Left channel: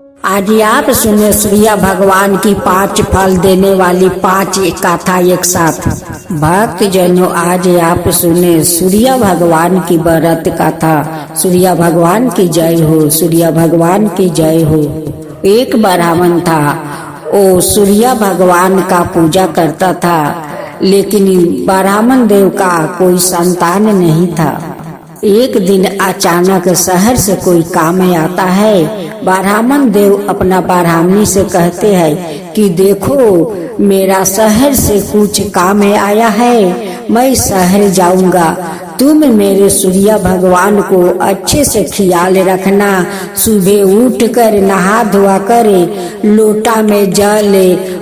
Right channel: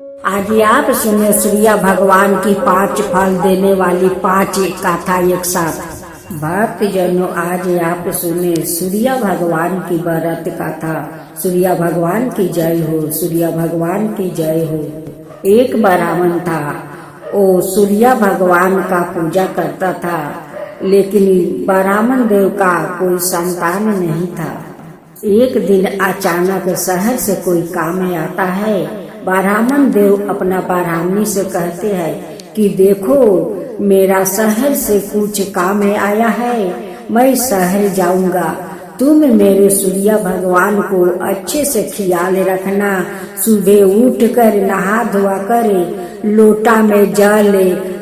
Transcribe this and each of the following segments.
आज आप सुने सूर्य भगवान की 5 फल देने वाली 5 कथा एक साथ। भक्त जनों, आज आप सुने सूर्य भगवान की व्रत कथा। सूर्य भगवान की जय हो, सूर्य भगवान की जय हो। एक ब्राह्मण था, वो सूर्य भगवान का पूजा करता था, लेकिन ब्राह्मण देव का कोई संतान नहीं था। एक दिन अचानक शहर से कोई काम आता है। ब्राह्मण देव अपना ब्राह्मणी से कहते हैं कि देखो, मेरा शहर से कुछ काम आया है, मैं शहर जाऊंगा। तुम मेरे सूर्य भगवान को अच्छे से ख्याल रखना। सुबह उठकर नहा धोआ कर लोटा में जल,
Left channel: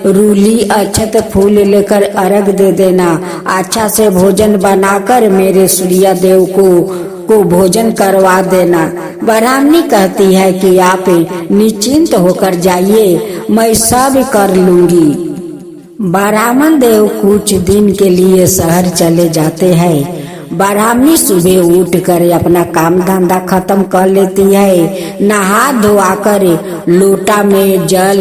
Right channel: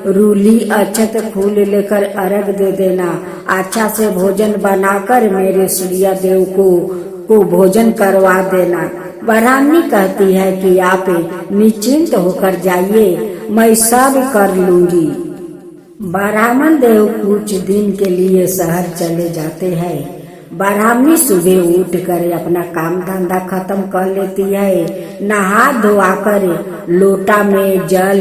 रूली, अक्षत, फूल लेकर अर्घ दे देना। अच्छा से भोजन बनाकर मेरे सूर्य देव को भोजन करवा देना। ब्राह्मणी कहती है कि आप निश्चिंत होकर जाइए, मैं सब कर लूंगी। ब्राह्मण देव कुछ दिन के लिए शहर चले जाते हैं। ब्राह्मणी सुबह उठकर अपना काम धंधा खत्म कर लेती है। नहा धोआ कर लोटा में जल,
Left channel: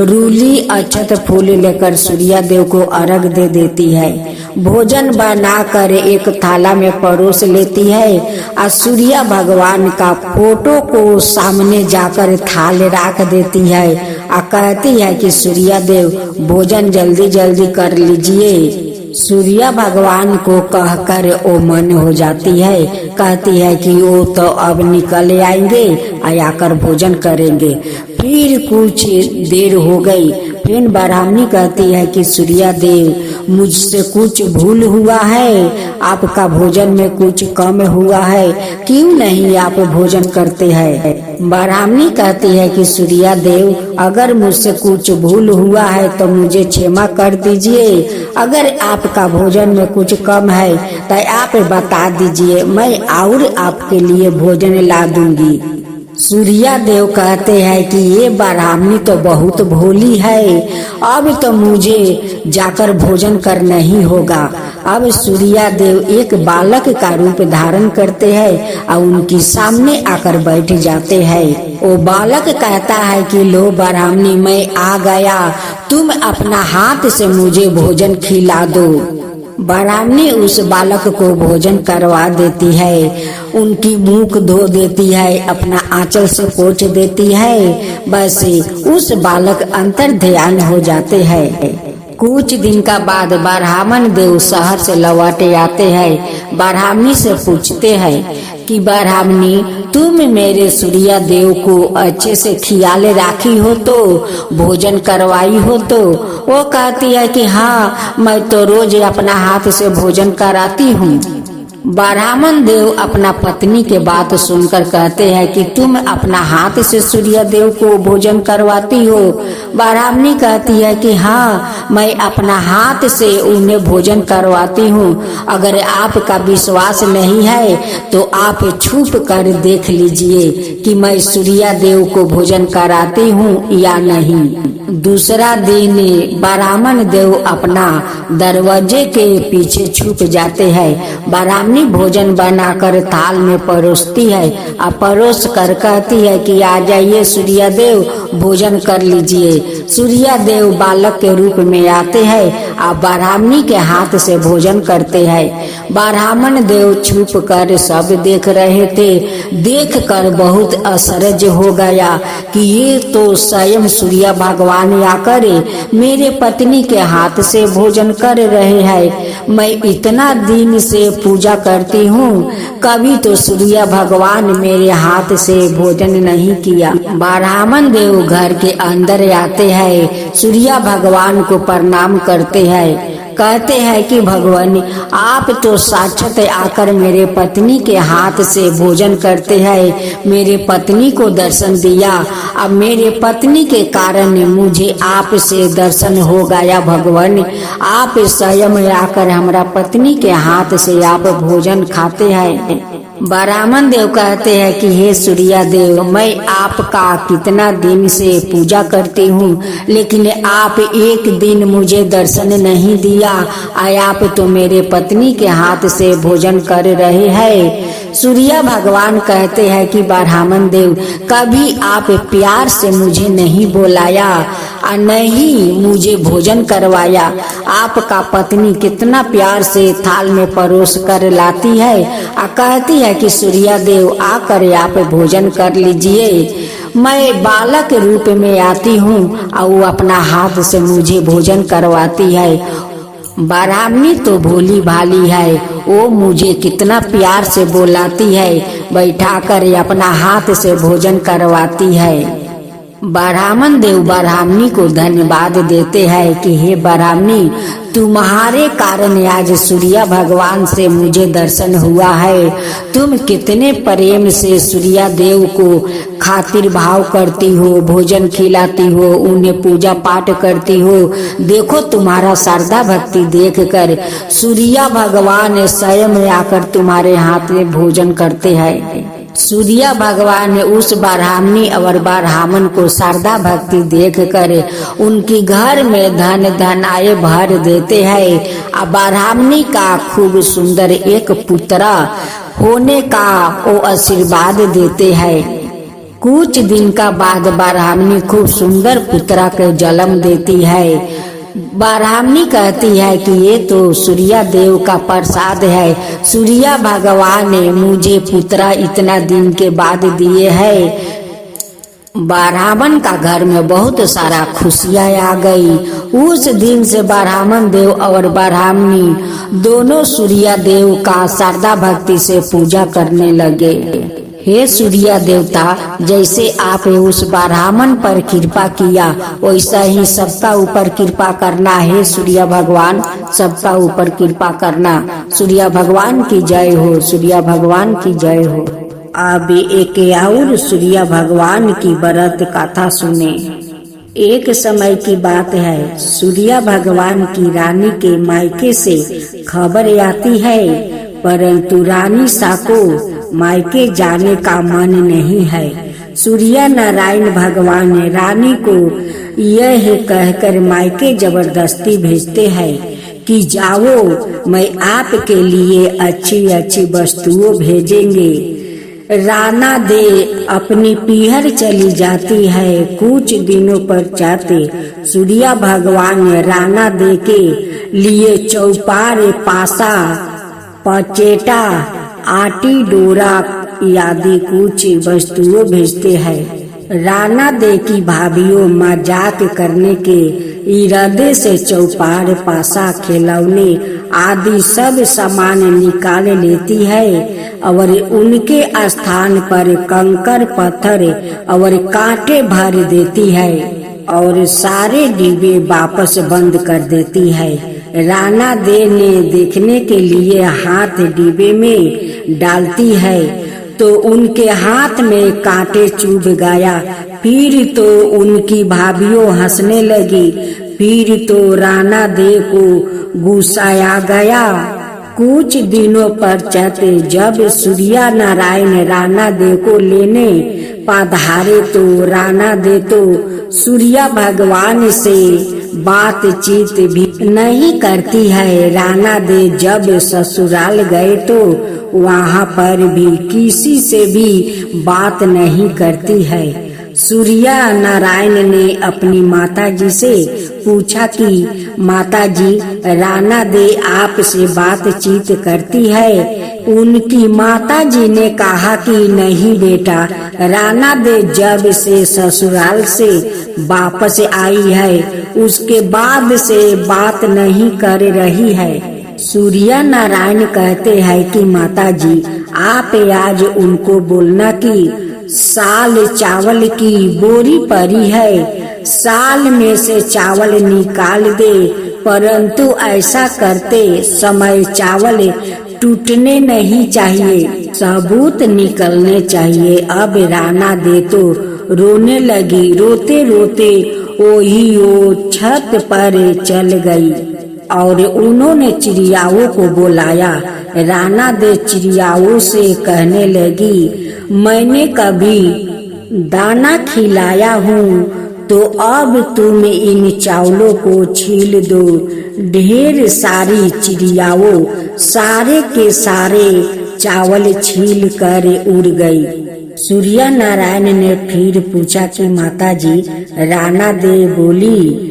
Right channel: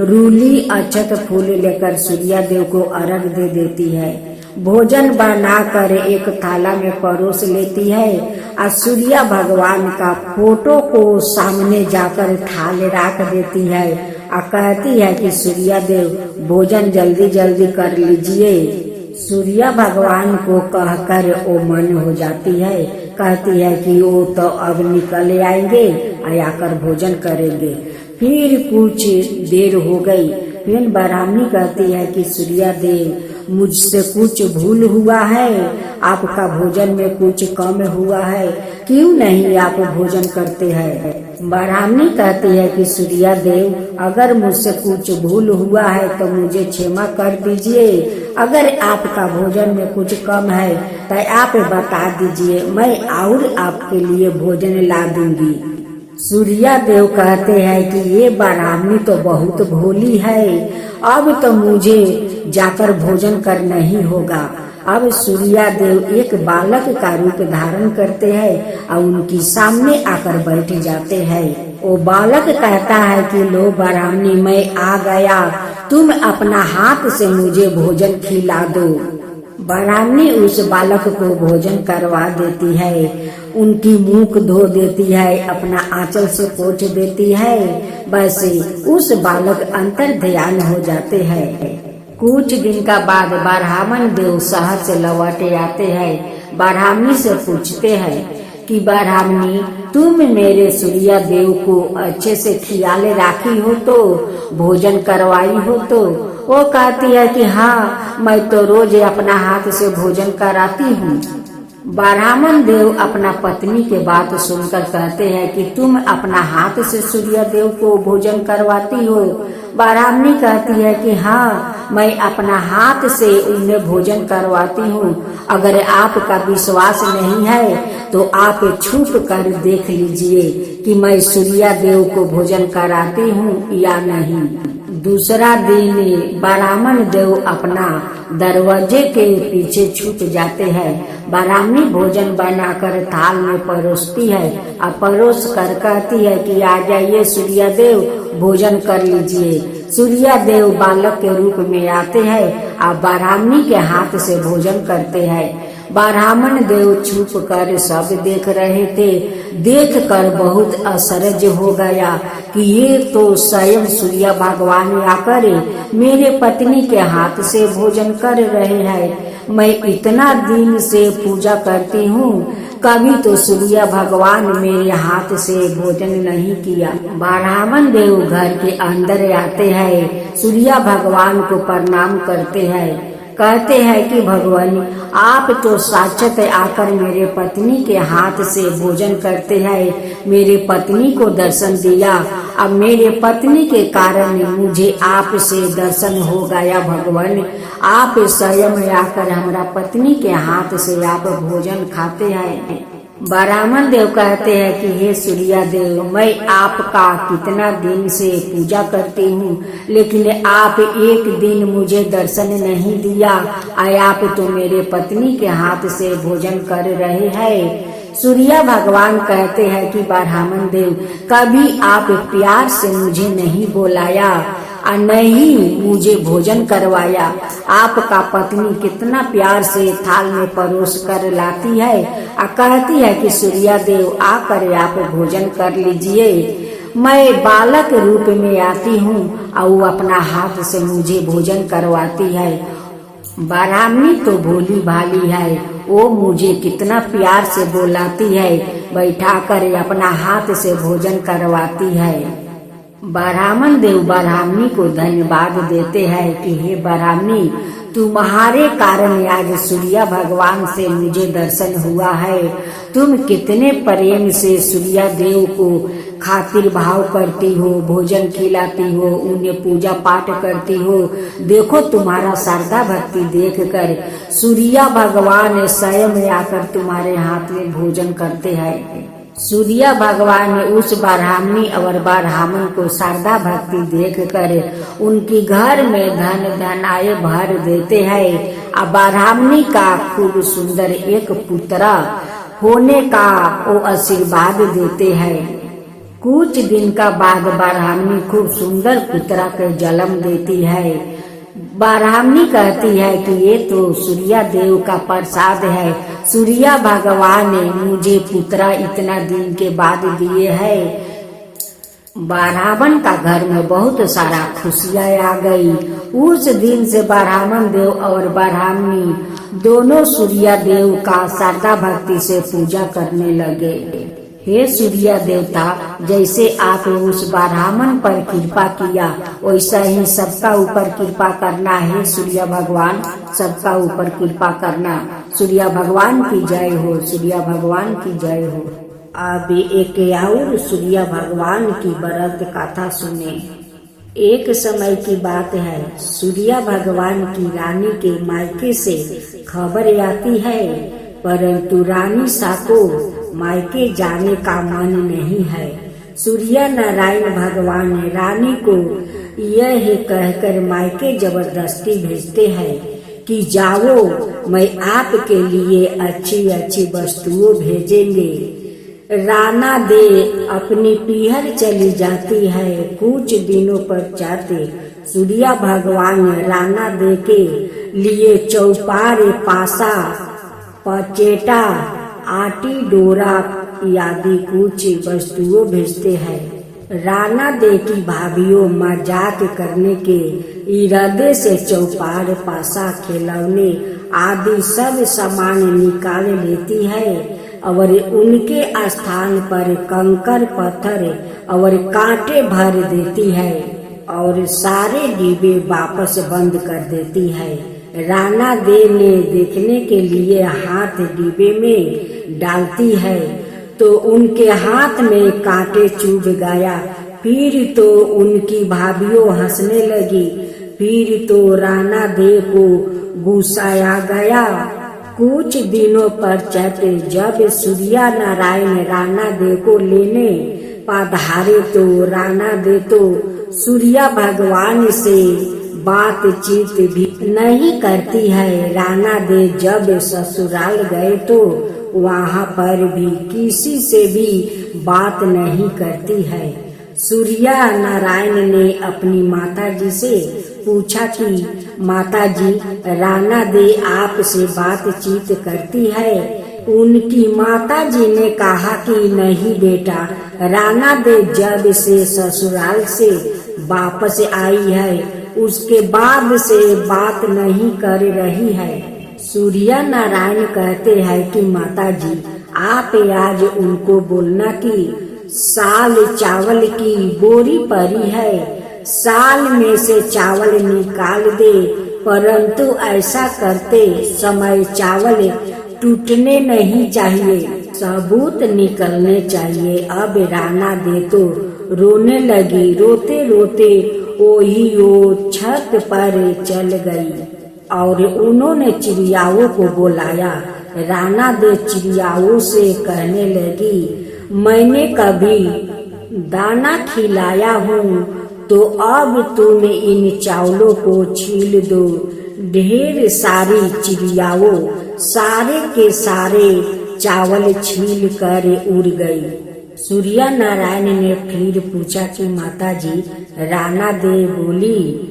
रूली, अक्षत, फूल लेकर सूर्य देव को अर्घ दे देती है। भोजन बनाकर एक थाला में परोस लेती है और सूर्य भगवान का फोटो को सामने जाकर थाल रख देती है और कहती है कि सूर्य देव भोजन जल्दी जल्दी कर लीजिए। सूर्य भगवान को कहकर वो मन हो जाती है। कहती है कि वो तो अब निकल आएंगे और आकर भोजन करेंगे। फिर कुछ देर हो गई। फिर ब्राह्मणी कहती है कि सूर्य देव, मुझसे कुछ भूल हुआ है, आपका भोजन में कुछ कम हुआ है, क्यों नहीं आप भोजन करते हैं। ब्राह्मणी कहती है कि सूर्य देव, अगर मुझसे कुछ भूल हुआ है तो मुझे क्षमा कर दीजिए। अगर आपका भोजन में कुछ कम है तो आप बता दीजिए, मैं और आपके लिए भोजन ला दूंगी। सूर्य देव कहते हैं कि ये ब्राह्मणी तो बहुत भोली है, अब तो मुझे जाकर भोजन करना ही होगा। अब सूर्य देव एक बालक का रूप धारण करते हैं और उनके सामने आकर बैठ जाते हैं। वो बालक कहता है कि लो ब्राह्मणी, मैं आ गया, तुम अपना हाथ से मुझे भोजन खिला दो। ब्राह्मणी उस बालक को भोजन करवा देती है, उनकी मुख धो देती है, अपना आंचल से पोंछ देती है। बस उस बालक अंतर ध्यान हो जाते हैं। कुछ दिन का बाद ब्राह्मण देव शहर से लौटे आते हैं। ब्राह्मणी से पूछते हैं कि ब्राह्मणी, तुम मेरे सूर्य देव को अच्छे से ख्याल राखी हो तो, भोजन करवाई हो तो। वो कहती है कि हाँ, मैं तो रोज अपना हाथ से भोजन कराती हूँ। ब्राह्मण देव अपना पत्नी के बात सुनकर कहते हैं कि तुम अपना हाथ से सूर्य देव को भोजन करवाती हो। ब्राह्मणी कहती है कि हाँ, मैं अपना हाथ से उन्हें भोजन करवाती हूँ। अगर आपका विश्वास नहीं है तो आप छुप कर देख लीजिए कि मैं सूर्य देव को भोजन कराती हूँ या नहीं। दूसरा दिन ब्राह्मण देव अपना दरवाजे के पीछे छुप जाते हैं। ब्राह्मणी भोजन बनाकर थाल में परोसती है और परोस कर कहती है कि आ जाइए सूर्य देव, भोजन कर लीजिए। सूर्य देव बालक के रूप में आते हैं और ब्राह्मणी के हाथ से भोजन करते हैं। ब्राह्मण देव छुप कर सब देख रहे थे। देख कर बहुत आश्चर्य हो गया कि ये तो स्वयं सूर्य भगवान आकर मेरे पत्नी के हाथ से भोजन कर रहे हैं। मैं इतना दिन से पूजा करती हूँ, कभी तो सूर्य भगवान मेरे हाथ से भोजन नहीं किया। ब्राह्मण देव घर के अंदर आते हैं, सूर्य भगवान को प्रणाम करते हैं। कहते हैं कि भगवान, आप तो साक्षात आकर मेरे पत्नी के हाथ से भोजन करते हैं, मेरे पत्नी को दर्शन दिया। अब मेरे पत्नी के कारण मुझे आप से दर्शन हो गया। भगवान, आप स्वयं आकर हमारा पत्नी के हाथ से आप भोजन खाते हैं। ब्राह्मण देव कहते हैं कि हे सूर्य देव, मैं आपका कितना दिन से पूजा करती हूँ, लेकिन आप एक दिन मुझे दर्शन नहीं दिया। आप तो मेरे पत्नी के हाथ से भोजन कर रहे हैं। सूर्य भगवान कहते हैं कि ब्राह्मण देव, कभी आप प्यार से मुझे नहीं बुलाया और नहीं मुझे भोजन करवाया। आपका पत्नी कितना प्यार से थाल में परोस कर लाती है और कहती है कि सूर्य देव आकर आप भोजन कर लीजिए। मैं बालक रूप में आती हूँ और वो अपना हाथ से मुझे भोजन करवाती है। ब्राह्मणी तो भोली भाली है, वो मुझे कितना प्यार से बुलाती है, बैठाकर अपना हाथ से भोजन करवाती है। ब्राह्मण देव ब्राह्मणी को धन्यवाद देते हैं कि हे ब्राह्मणी, तुम्हारे कारण आज सूर्य भगवान से मुझे दर्शन हुआ है। तुम कितने प्रेम से सूर्य देव को खातिर भाव करती हो, भोजन खिलाती हो, उन्हें पूजा पाठ करती हो। देखो तुम्हारा श्रद्धा भक्ति देखकर सूर्य भगवान स्वयं आकर तुम्हारे हाथ में भोजन करते हैं। सूर्य भगवान उस ब्राह्मणी और ब्राह्मण को श्रद्धा भक्ति देखकर उनकी घर में धन धनाय भर देते हैं और ब्राह्मणी का खूब सुंदर एक पुत्र होने का वो आशीर्वाद देते हैं। कुछ दिन का बाद ब्राह्मणी खूब सुंदर पुत्र के जन्म देती है। ब्राह्मणी कहती है कि ये तो सूर्य देव का प्रसाद है, सूर्य भगवान ने मुझे पुत्र इतना दिन के बाद दिए हैं। ब्राह्मण का घर में बहुत सारा खुशियाँ आ गई। उस दिन से ब्राह्मण देव और ब्राह्मणी दोनों सूर्य देव का श्रद्धा भक्ति से पूजा करने लगे। हे सूर्य देवता, जैसे आप उस ब्राह्मण पर कृपा किया वैसा ही सबका ऊपर कृपा करना है। सूर्य भगवान सबका ऊपर कृपा करना। सूर्य भगवान की जय हो, सूर्य भगवान की जय हो। अब एक और सूर्य भगवान की व्रत कथा सुने। एक समय की बात है, सूर्य भगवान की रानी के मायके से खबर आती है, परंतु रानी साको मायके जाने का मन नहीं है। सूर्य नारायण भगवान रानी को यह कहकर मायके जबरदस्ती भेजते हैं कि जाओ, मैं आपके लिए अच्छी अच्छी वस्तुओं भेजेंगे। राना दे अपनी पीहर चली जाती है। कुछ दिनों पश्चात सूर्य भगवान राना दे के लिए चौपार, पासा, पचेटा, आटी, डोरा आदि कुछ वस्तुओं भेजते हैं। राना दे की भाभीओं मजाक करने के इरादे से चौपार, पासा, खिलौने आदि सब सामान निकाल लेती है और उनके स्थान पर कंकर, पत्थर और कांटे भर देती है और सारे डिब्बे वापस बंद कर देती है। राना दे ने देखने के लिए हाथ डिब्बे में डालती है तो उनके हाथ में कांटे चुभ गया। फिर तो उनकी भाभीओं हंसने लगी। फिर तो राना दे को गुस्सा आ गया। कुछ दिनों पश्चात जब सूर्य नारायण राना दे को लेने पधारे तो राना दे तो सूर्य भगवान से बातचीत भी नहीं करती है। राना दे जब ससुराल गए तो वहाँ पर भी किसी से भी बात नहीं करती है। सूर्य नारायण ने अपनी माताजी से पूछा कि माताजी, राना दे आपसे बातचीत करती है? उनकी माताजी ने कहा कि नहीं बेटा, राना दे जब से ससुराल से वापस आई है उसके बाद से बात नहीं कर रही है। सूर्य नारायण कहते हैं कि माताजी, आप आज उनको बोलना कि साल चावल की बोरी पड़ी है, साल में से चावल निकाल दे, परंतु ऐसा करते समय चावल टूटने नहीं चाहिए, सबूत निकलने चाहिए। अब राना दे तो रोने लगी। रोते रोते वो छत पर चल गई और उन्होंने चिड़ियाओं को बुलाया। राना दे चिड़ियाओं से कहने लगी, मैंने कभी दाना खिलाया हूँ तो अब तुम इन चावलों को छील दो। ढेर सारी चिड़ियाओं सारे के सारे चावल छील कर उड़ गई। सूर्य नारायण ने फिर पूछा कि माताजी, राणा दे बोली।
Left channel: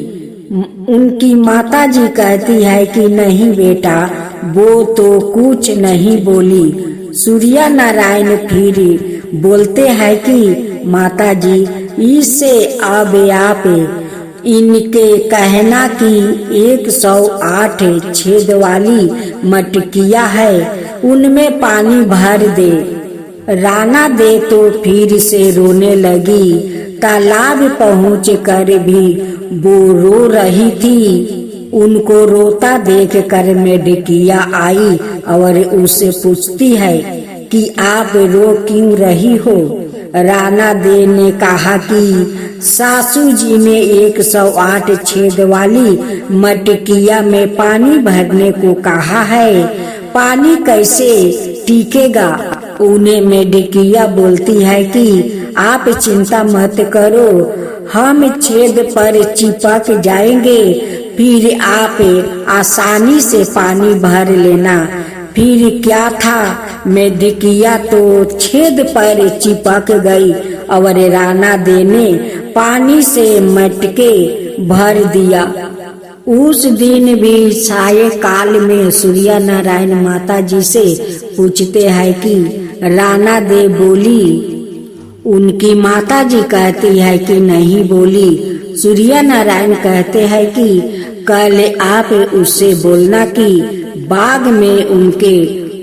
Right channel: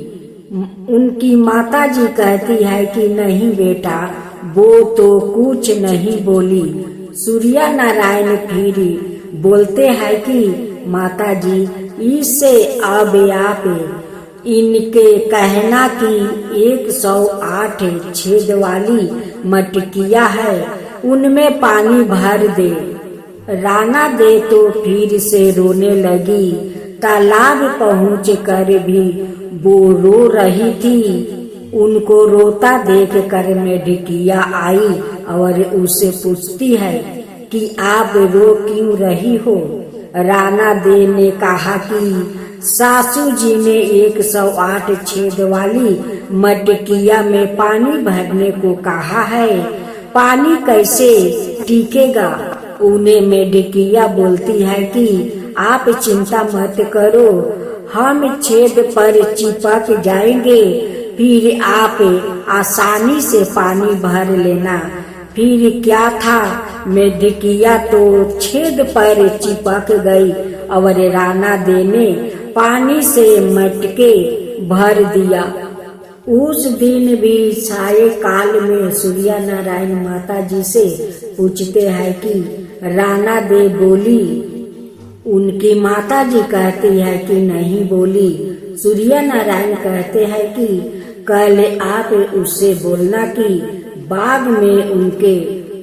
उनकी माताजी कहती है कि नहीं बेटा, वो तो कुछ नहीं बोली। सूर्य नारायण फिर बोलते हैं कि माताजी, इससे अब आप इनके कहना कि 108 छेद वाली मटकिया है, उनमें पानी भर दे। राणा दे तो फिर से रोने लगी। तालाब पहुँच कर भी वो रो रही थी। उनको रोता देख कर मेढकिया आई और उससे पूछती है कि आप रो क्यों रही हो। राणा दे ने कहा कि सासू जी ने 108 छेद वाली मटकिया में पानी भरने को कहा है, पानी कैसे टिकेगा। उन्हें मेढकिया बोलती है कि आप चिंता मत करो, हम छेद पर चिपक जाएंगे, फिर आप आसानी से पानी भर लेना। फिर क्या था, मेढकिया तो छेद पर चिपक गई और राणा दे ने पानी से मटके भर दिया। उस दिन भी साय काल में सूर्य नारायण माता जी से पूछते हैं कि राणा दे बोली। उनकी माता जी कहती है कि नहीं बोली। सूर्य नारायण कहते हैं कि कल आप उससे बोलना कि बाग में उनके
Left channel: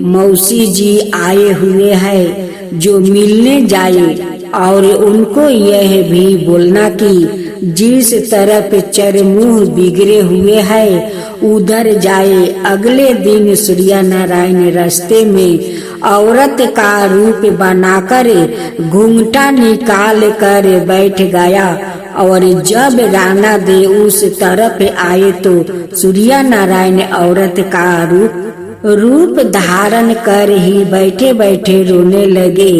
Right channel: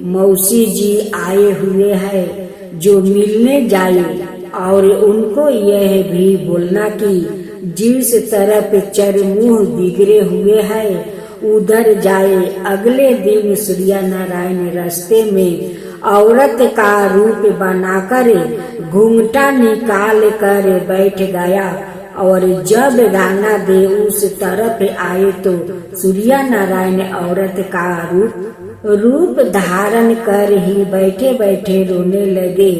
मौसी जी आए हुए हैं जो मिलने जाए, और उनको यह भी बोलना कि जिस तरफ चरमुह बिगड़े हुए हैं उधर जाए। अगले दिन सूर्य नारायण रास्ते में औरत का रूप बनाकर घूंघटा निकाल कर बैठ गया, और जब राणा दे उस तरफ आए तो सूर्य नारायण औरत का रूप धारण कर ही बैठे बैठे रोने लगे।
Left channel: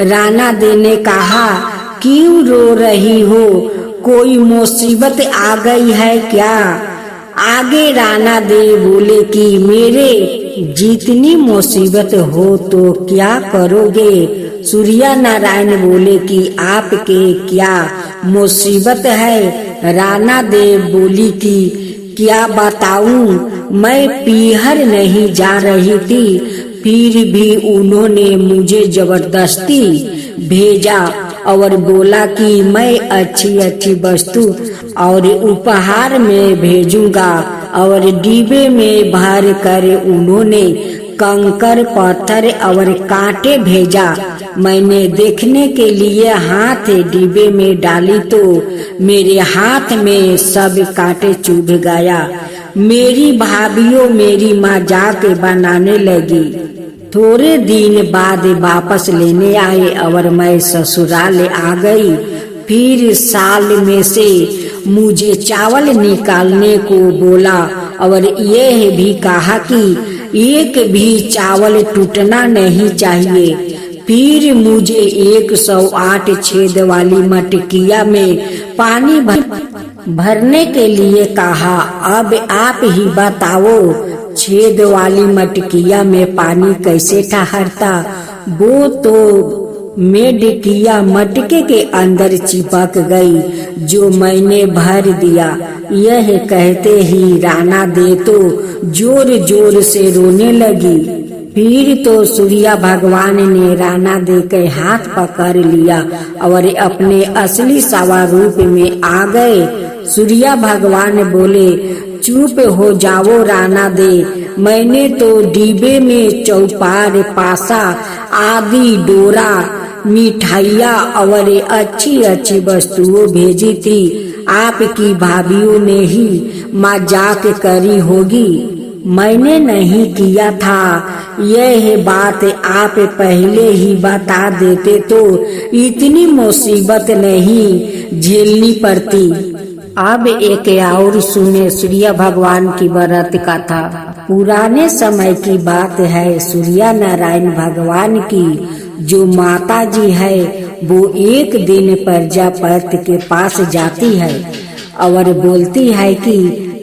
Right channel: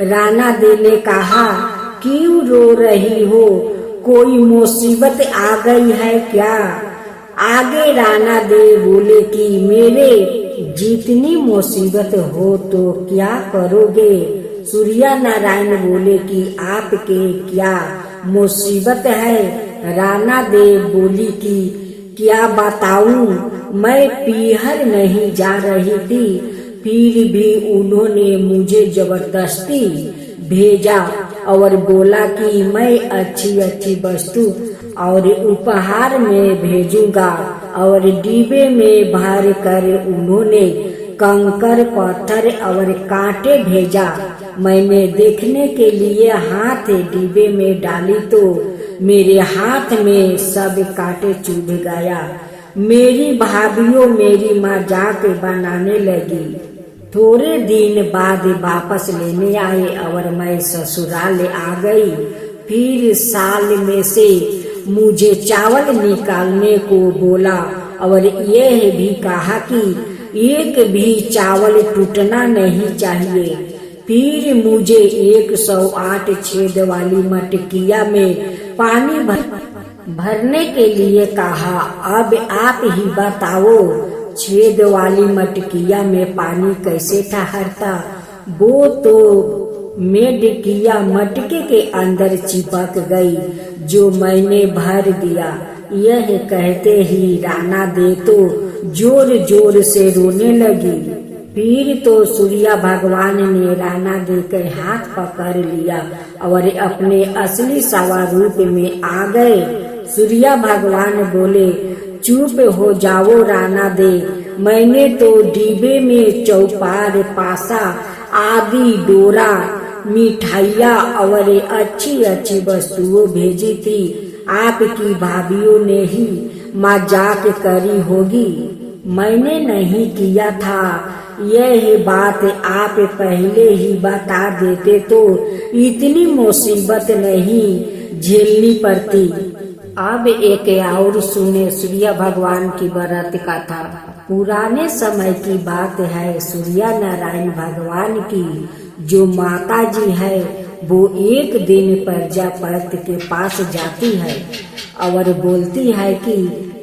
राणा दे ने कहा, क्यों रो रही हो, कोई मुसीबत आ गई है क्या। आगे राणा दे बोले कि मेरे जितनी मुसीबत हो तो क्या करोगे। सूर्य नारायण बोले कि आपके क्या मुसीबत है। राणा दे बोली कि क्या बताऊं, मैं पीहर नहीं जा रही थी, फिर भी उन्होंने मुझे जबरदस्ती भेजा और बोला कि मैं अच्छी अच्छी वस्तु और उपहार में भेजूंगा, और डिब्बे में भर कर उन्होंने कंकर पत्थर और कांटे भेजा। मैंने देखने के लिए हाथ डिब्बे में डाली तो मेरे हाथ में सब कांटे चुभ गया। मेरी भाभीओ मेरी मजाक बनाने लगी। थोड़े दिन बाद वापस लेने आए और मैं ससुराल आ गई। फिर साल में से मुझे चावल निकालने को बोला और यह भी कहा कि एक भी चावल टूटना नहीं चाहिए। फिर मुझे 108 छेद वाली मटकिया में पानी भरने के लिए कहा। अब आप ही बताओ, छेद वाली मटकिया में पानी कैसे ठहरता। वो तो मेढकिया मटके के अंदर चिपक गई जो मैंने भर दिया। यह कहते ही राणा दे तो जोर जोर से रोने लगी। फिर तो सूर्य भगवान ने राणा दे के हाथ पकड़ लिया और अपने असली स्वरूप में आ गए। सूर्य भगवान बोले, चुप हो जाओ राणा दे, मैंने तो डिब्बे में चौपार, पासा आदि डोरा, मिठाइयाँ और अच्छी अच्छी वस्तुएं भेजी थी। आपकी भाभीओं ने ही मजाक करी होगी, मैंने नहीं किया था। यह बात आप पहले ही बता देते तो इतनी मुसीबत नहीं झेलनी पड़ती। अब एक और सुने सूर्य भगवान की व्रत कथा। पुराने समय की बात है। सूर्य नारायण भगवान की जो माता जी है वो एक दिन प्रजापति के पास जाती है और बोलती है कि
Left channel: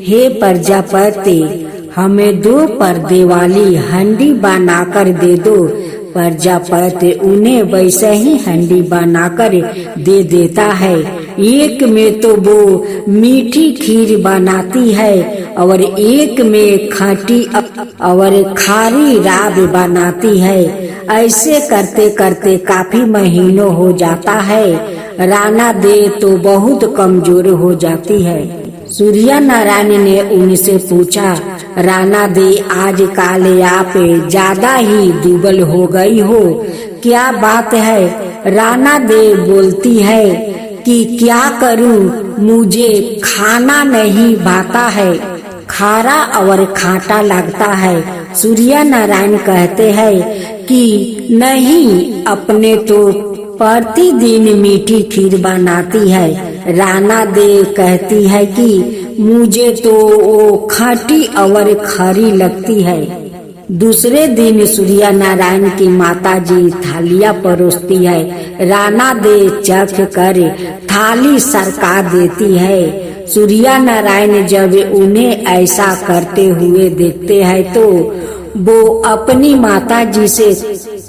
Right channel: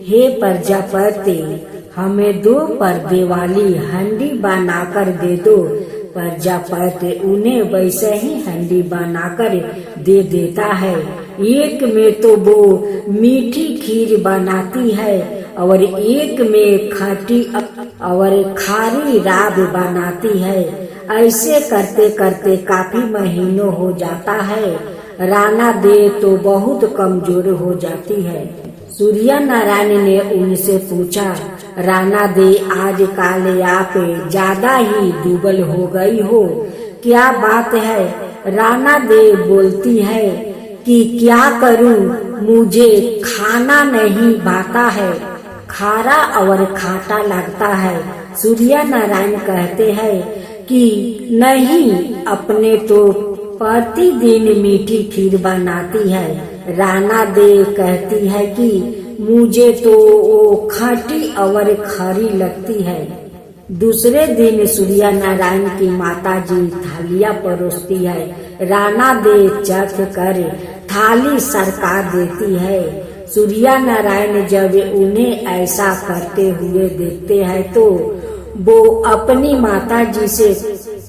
हे प्रजापति, हमें 2 पर्दे वाली हंडी बनाकर दे दो। प्रजापति उन्हें वैसे ही हंडी बनाकर दे देता है। एक में तो वो मीठी खीर बनाती है और एक में खट्टी और खारी राब बनाती है। ऐसे करते करते काफी महीनों हो जाता है। राना दे तो बहुत कमजोर हो जाती है। सूर्य नारायण ने उनसे पूछा, राना दे आजकल आप ज्यादा ही दुबल हो गई हो, क्या बात है? राना दे बोलती है कि क्या करूं, मुझे खाना नहीं भाता है, खारा और खाटा लगता है। सूर्य नारायण कहते हैं कि नहीं, अपने तो प्रतिदिन मीठी खीर बनाती है। राना दे कहती है कि मुझे तो वो खट्टी और खरी लगती है। दूसरे दिन सूर्य नारायण की माताजी थालियां परोसती है। राना दे चख कर थाली सरका देती है। सूर्य नारायण जब उन्हें ऐसा करते हुए देखते हैं तो वो अपनी माताजी से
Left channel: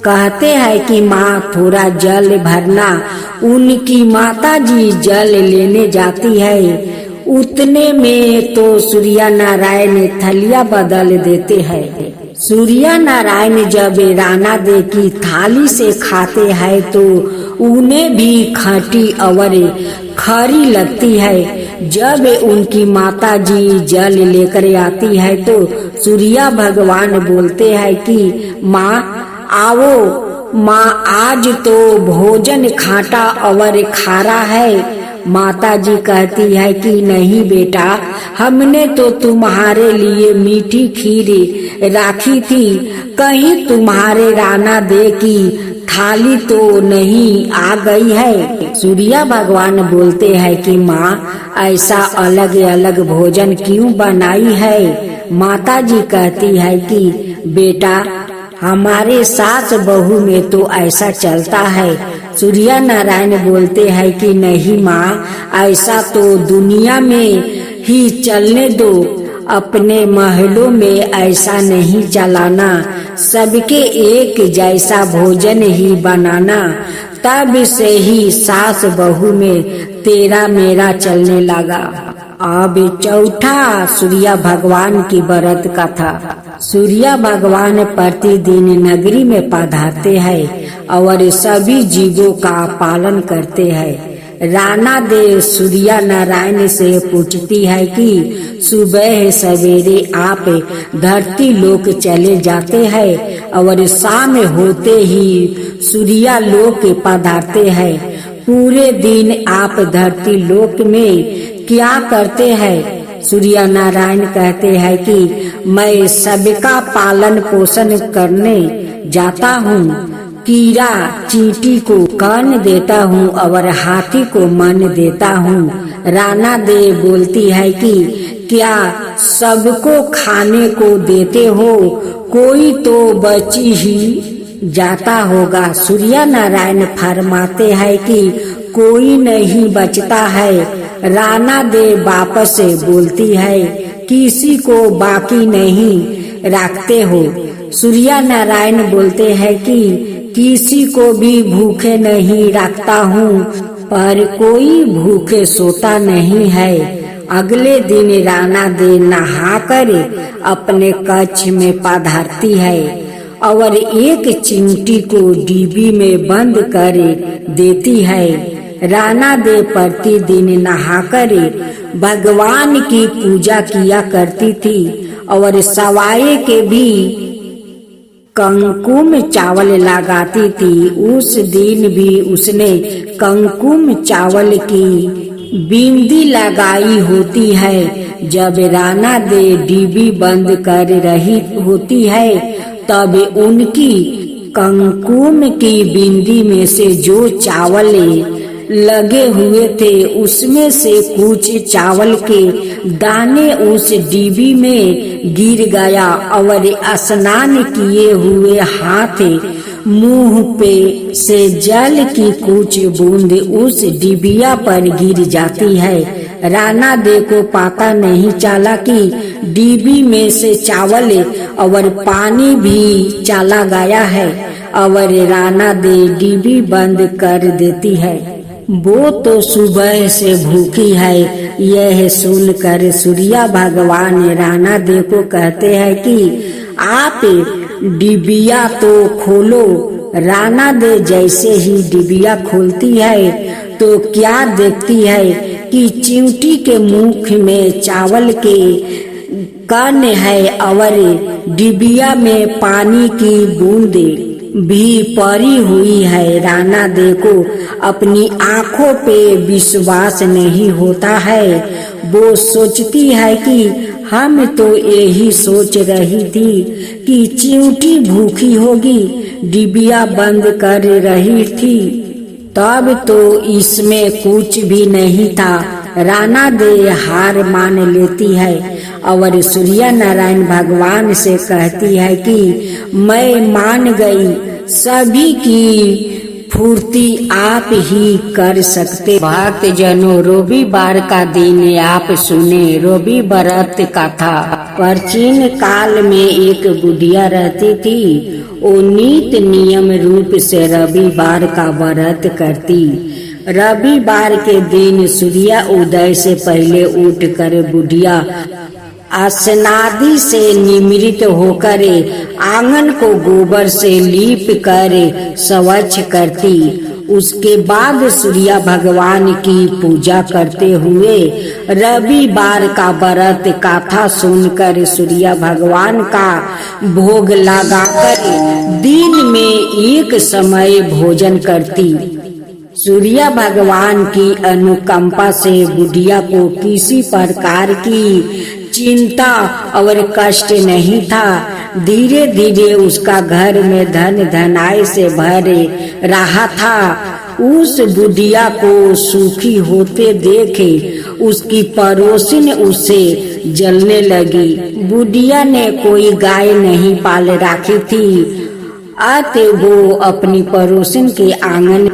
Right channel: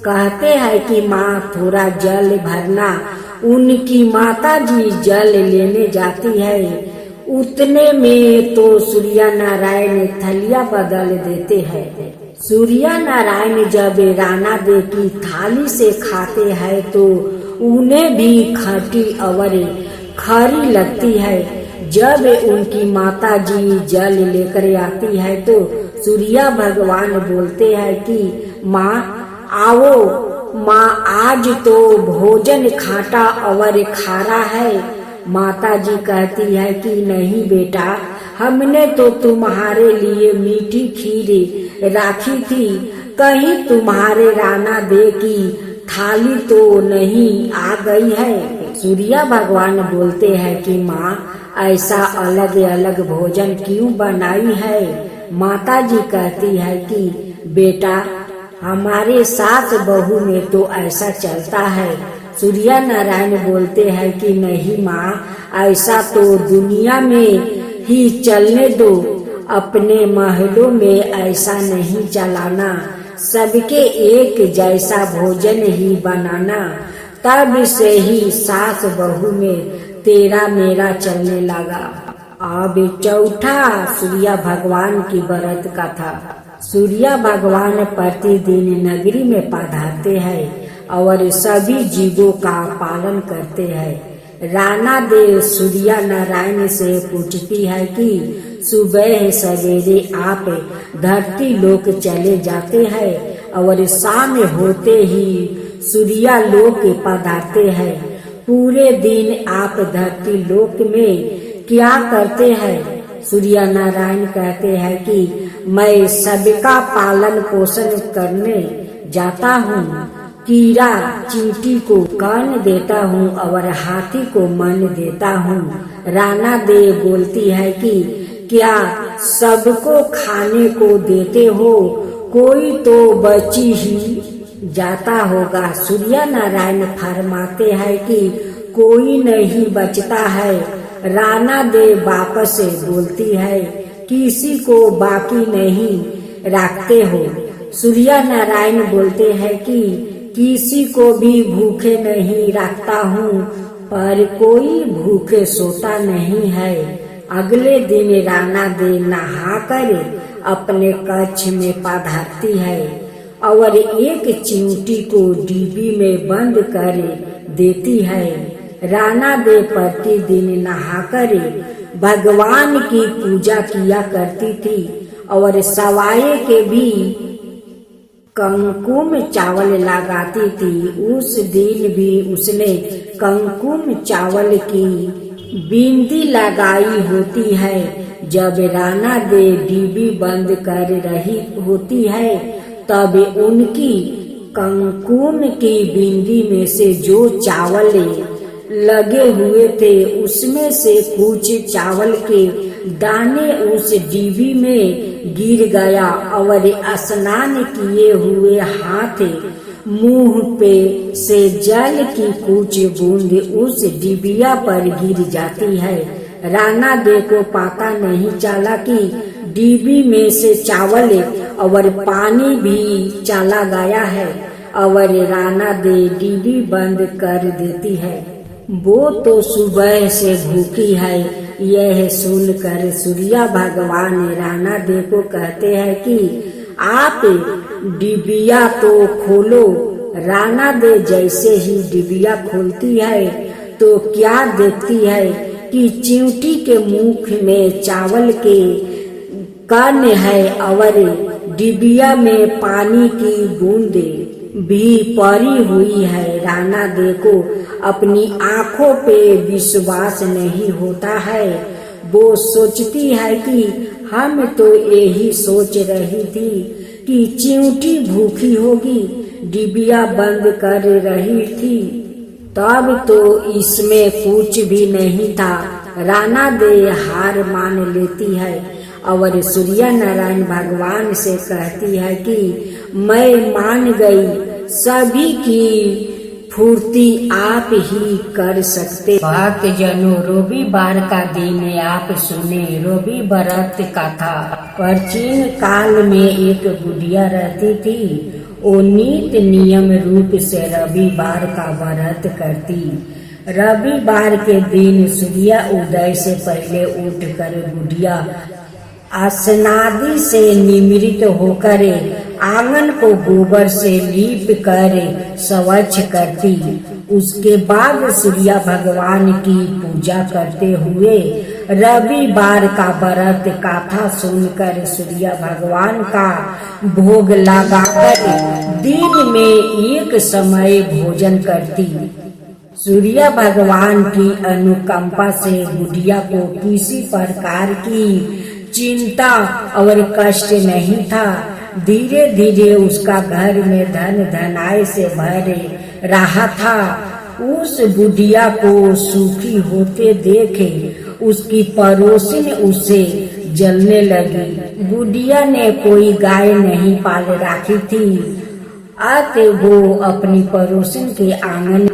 कहते हैं कि माँ थोड़ा जल भरना। उनकी माताजी जल लेने जाती है। उतने में तो सूर्य नारायण थलिया बदल देते हैं। सूर्य नारायण जब राना दे की थाली से खाते हैं तो उन्हें भी खट्टी और खरी लगती है। जब उनकी माताजी जल लेकर आती है तो सूर्य भगवान बोलते हैं कि माँ आओ, माँ आज तो भोजन खाटा और खारा है। माताजी कहती है कि नहीं बेटा, हमने तो तुम्हारे लिए मीठी खीर राखी थी, कहीं तुम्हारे राना दे की थाली तो नहीं आ गई है। सूर्य भगवान बोलते हैं कि माँ ऐसा अलग अलग भोजन क्यों बनाई है? माताजी कहती है कि बेटा हमारे सास बहू में तो ऐसा चलता है। सूर्य नारायण बोलते हैं कि नहीं माँ, ऐसा तो दुनिया में ही चलने दो, अपने महलों में ऐसा नहीं चलाना, सबके एक जैसा भोजन ही बनाना। तब से ही सास बहू में तेरा मेरा चलने लगा। अब चौथा सूर्य भगवान की व्रत कथा। सूर्य भगवान प्रतिदिन नगरी में पधारते हैं और सभी जीवों का पालन करते हैं। राना दे सूर्य नारायण से पूछती है कि सुबह सवेरे आप धरती लोक चले जाते हैं और शाम होते ही सूर्य लोक पधारते हैं। पूरे दिन आप धरती लोक में क्या करते हैं? सूर्य नारायण कहते हैं कि मैं सबका पालन पोषण करने जाता हूँ, कीड़ा चींटी को कान देता हूँ और हाथी को मन देता हूँ। राना दे बोलती है कि क्या सबको खाने को देते हो? कोई तो बची ही जाता होगा। सूर्य नारायण फरमाते हैं कि कोई नहीं बचता है। राना दे वापस से बोलती है किसी को बाकी नहीं रखते हो। सूर्य नारायण बोलते हैं कि किसी को भी भूखे नहीं रखता हूँ, पर कोई भूखे सोता नहीं है। अगले दिन राना दे नहाकर अपने कक्ष में पधारती है और एक चिमटी को डिब्बी में बंद कर देती है। राना दे प्रतिदिन नहाकर भगवान की पूजा किया करती थी और सवाए के भी कंकुम चावल लगाती थी। उस दिन भी उसने कंकुम चावल की बिंदी लगाई होती है। जब राना दे डिब्बी बंद कर रही होती है तब उनकी कंकुम की बिंदी में से जो चावल लगे हुए थे उसमें से कुछ चावल के दाने उस डिब्बी में गिर गया और स्नान किए हुए हाथ मुंह पे से जल की कुछ बूंद उस डिबिया पर गिर जाती है। राणा दे को पता नहीं चला कि डिब्बी में से चावल और पानी भी चला गया है और राणा दे डिब्बी बंद कर देती है। वो तो सुबह से भूखी है। यह सुनकर सूर्य भगवान राणा दे को कहते हैं कि आप डिबिया तो खोलो। राणा दे जैसे ही डिबिया खोलती है तो क्या देखती है कि चिंटी के मुख में चावल के कण है और डिबिया में पानी की बूंदे भी पड़ी हुई है। राणा दे को अपनी आंखों पे विश्वास नहीं होता है। वो सोचती है कि हम तो यही सोच रही थी कि चिंटी भूखी होगी, डिबिया बंद कर रही थी, तब तो इसमें कुछ भी नहीं था। राणा दे हार मान लेती है और सूर्य नारायण भगवान से कहती है कि मैं मान गई, सभी की पूर्ति आप ही कर सकते। भक्त जनों, रविवार का दिन आप सुने रवि व्रत कथा। प्राचीन काल में एक बुढ़िया रहती थी। वो नित नियम रूप से रविवार का व्रत करती। रविवार के दिन सूर्य उदय से पहले उठकर बुढ़िया स्नादि से निमृत होकर आंगन को गोबर से लीप कर स्वच्छ करती। उसके बाद सूर्य भगवान की पूजा करते हुए रविवार का व्रत कथा सुनकर सूर्य भगवान का भोग लगाकर दिन में एक समय भोजन करती। सूर्य भगवान की अनुकंपा से बुढ़िया को किसी प्रकार की चिंता और कष्ट नहीं था। धीरे धीरे उसका घर में धन धनाई से भरे रहा था। उस बुढ़िया को सुखी होते देखे उसकी पड़ोसिन उसे जलने लगी। बुढ़िया ने कोई गाय नहीं पाल रखी थी, अतः वो अपनी पड़ोसिन के आंगन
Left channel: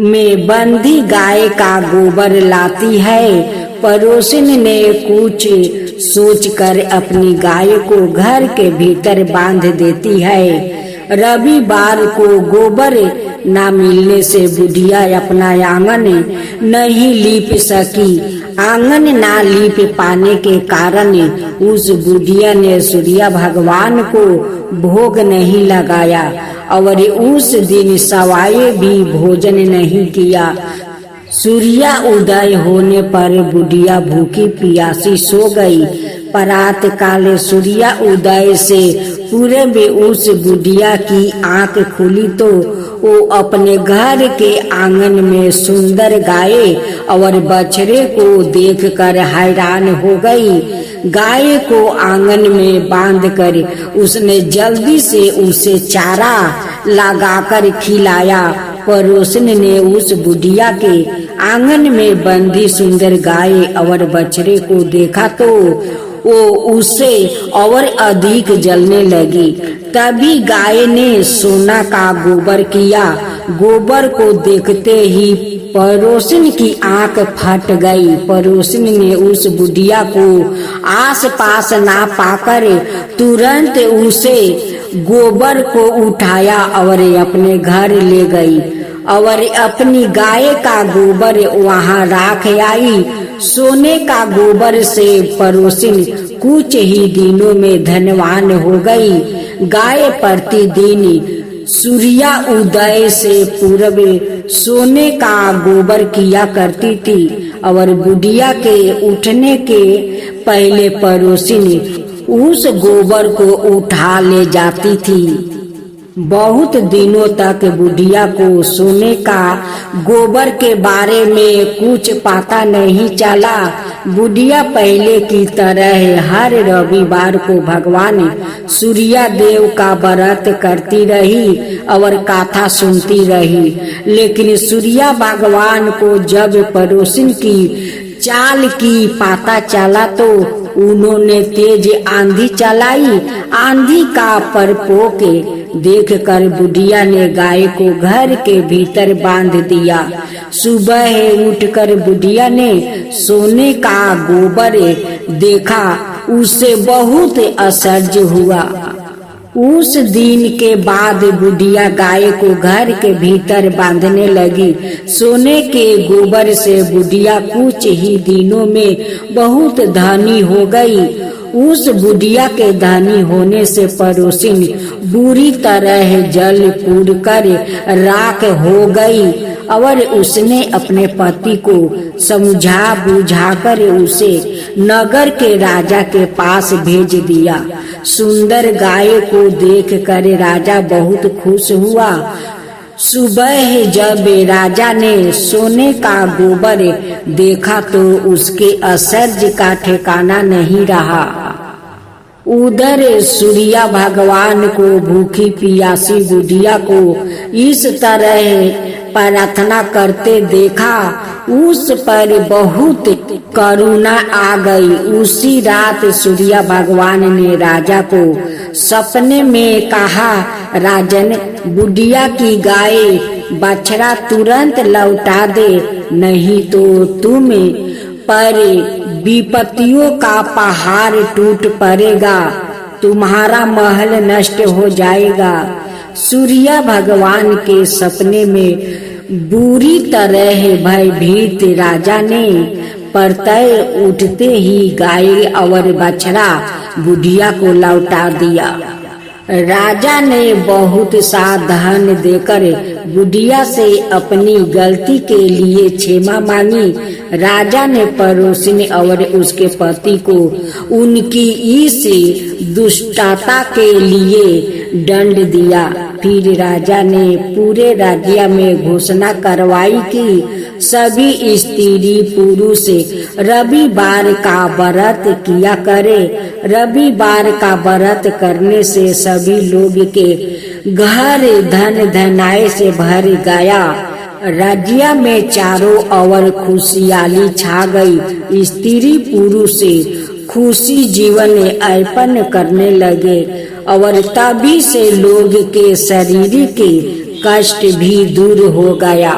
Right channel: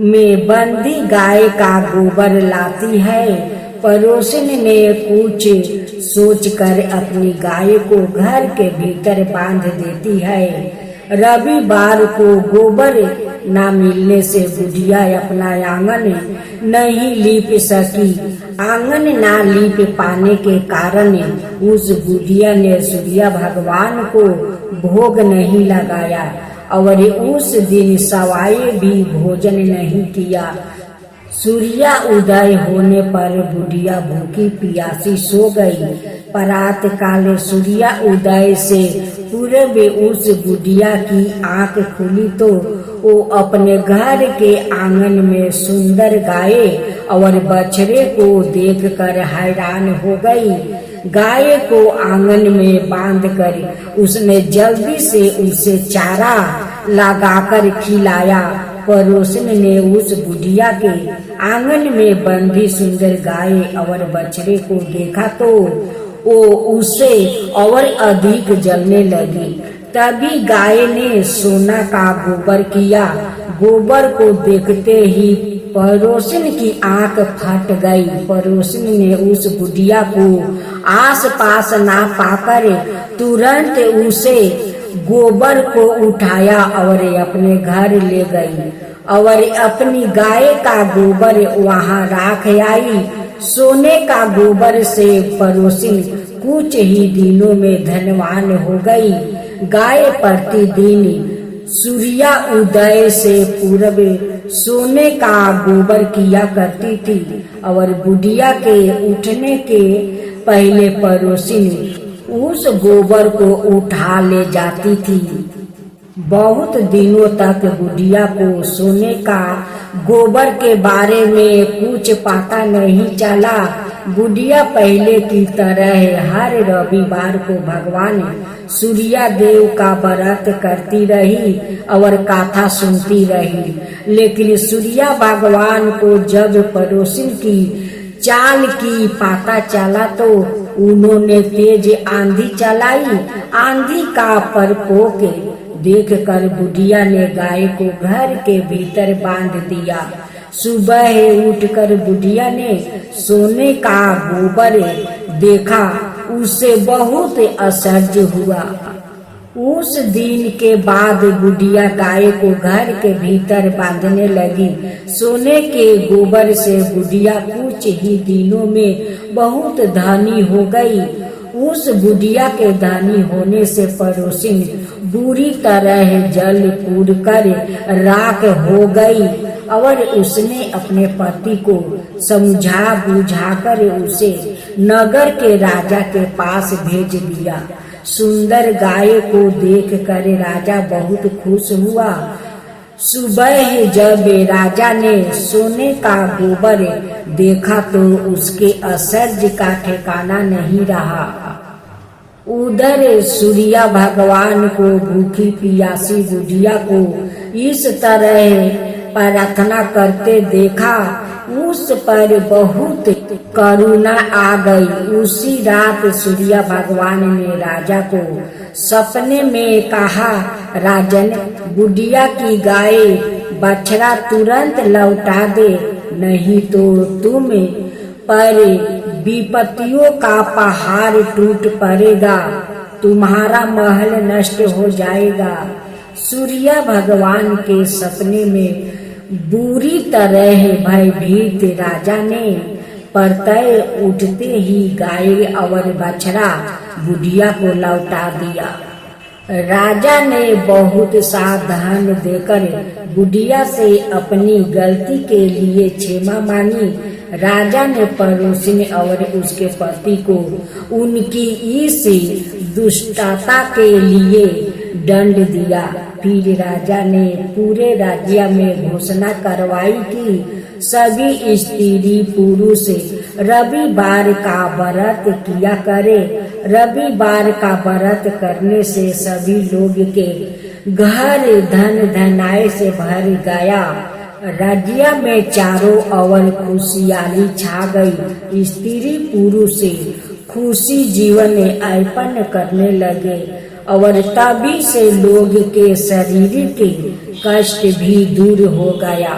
में बंधी गाय का गोबर लाती है। पड़ोसिन ने कुछ सोचकर अपनी गाय को घर के भीतर बांध देती है। रविवार को गोबर न मिलने से बुढ़िया अपना आंगन नहीं लीप सकी। आंगन न लीप पाने के कारण उस बुढ़िया ने सूर्य भगवान को भोग नहीं लगाया और उस दिन सवाए भी भोजन नहीं किया। सूर्य उदय होने पर बुढ़िया भूखी प्यासी सो गई। प्रात काल सूर्य उदय से पूर्व उस बुढ़िया की आंख खुली तो वो अपने घर के आंगन में सुंदर गाय और बछड़े को देखकर हैरान हो गई। गाय को आंगन में बांधकर उसने जल्दी से उसे चारा लगाकर खिलाया। पड़ोसन ने उस बुढ़िया के आंगन में बंधी सुंदर गाय और बछड़े को देखा तो वो उससे और अधिक जलने लगी। तभी गाय ने सोना का गोबर किया। गोबर को देखते ही पड़ोसन की आंख फट गई। पड़ोसन ने उस बुढ़िया को आस पास ना पाकर तुरंत उसे गोबर को उठाया और अपने घर ले गई और अपनी गाय का गोबर वहां राख आई। सोने का गोबर से पड़ोसिन कुछ ही दिनों में धनवान हो गई। गाय प्रतिदिन सूर्य उदय से पूर्व सोने का गोबर किया करती थी और बुढ़िया के उठने के पहले पड़ोसिन उस गोबर को उठा ले जाती थी। बहुत दिनों तक बुढ़िया को सोने का गोबर के बारे में कुछ पता नहीं चला। बुढ़िया पहले की तरह हर रविवार को भगवान सूर्य देव का व्रत करती रही और कथा सुनती रही। लेकिन सूर्य भगवान को जब पड़ोसिन की चाल की पता चला तो उन्होंने तेज आंधी चलाई। आंधी का प्रकोप देखकर बुढ़िया ने गाय को घर के भीतर बांध दिया। सुबह उठकर बुढ़िया ने सोने का गोबर देखा, उसे बहुत आश्चर्य हुआ। उस दिन के बाद बुढ़िया गाय को घर के भीतर बांधने लगी। सोने के गोबर से बुढ़िया कुछ ही दिनों में बहुत धनी हो गई। उस बुढ़िया के धनी होने से पड़ोसिन बुरी तरह जल पूर कर राख हो गई और उसने अपने पति को समझा बुझाकर उसे नगर के राजा के पास भेज दिया। सुंदर गाय को देखकर राजा बहुत खुश हुआ। सुबह जब राजा ने सोने का गोबर देखा तो उसके आश्चर्य का ठिकाना नहीं रहा। उधर सूर्य भगवान को भूखी प्यासी बुढ़िया को इस तरह प्रार्थना करते देखा, उस पर बहुत करुणा आ गई। उसी रात सूर्य भगवान ने राजा को सपने में कहा, राजन, बुढ़िया की गाय बछड़ा तुरंत लौटा दे, नहीं तो तुम पर विपत्तियों का पहाड़ टूट पड़ेगा, तुम्हारा महल नष्ट हो जाएगा। सूर्य भगवान के सपने में बुरी तरह भयभीत राजा ने प्रत्यय उठते ही गाय और बछड़ा बुढ़िया को लौटा दिया। राजा ने बहुत सा धन देकर बुढ़िया से अपनी गलती के लिए क्षमा मांगी। राजा ने पड़ोसिन और उसके पति को उनकी इस दुष्टता के लिए दंड दिया। फिर राजा ने पूरे राज्य में घोषणा करवाई कि सभी स्त्री पुरुष रविवार का व्रत किया करे। रविवार का व्रत करने से सभी लोग के घर धन धनाय से भर गया। राज्य में चारों ओर खुशहाली छा गई। स्त्री पुरुष खुशी जीवन यापन करने लगे और तभी से लोग के शरीर के कष्ट भी दूर हो गया।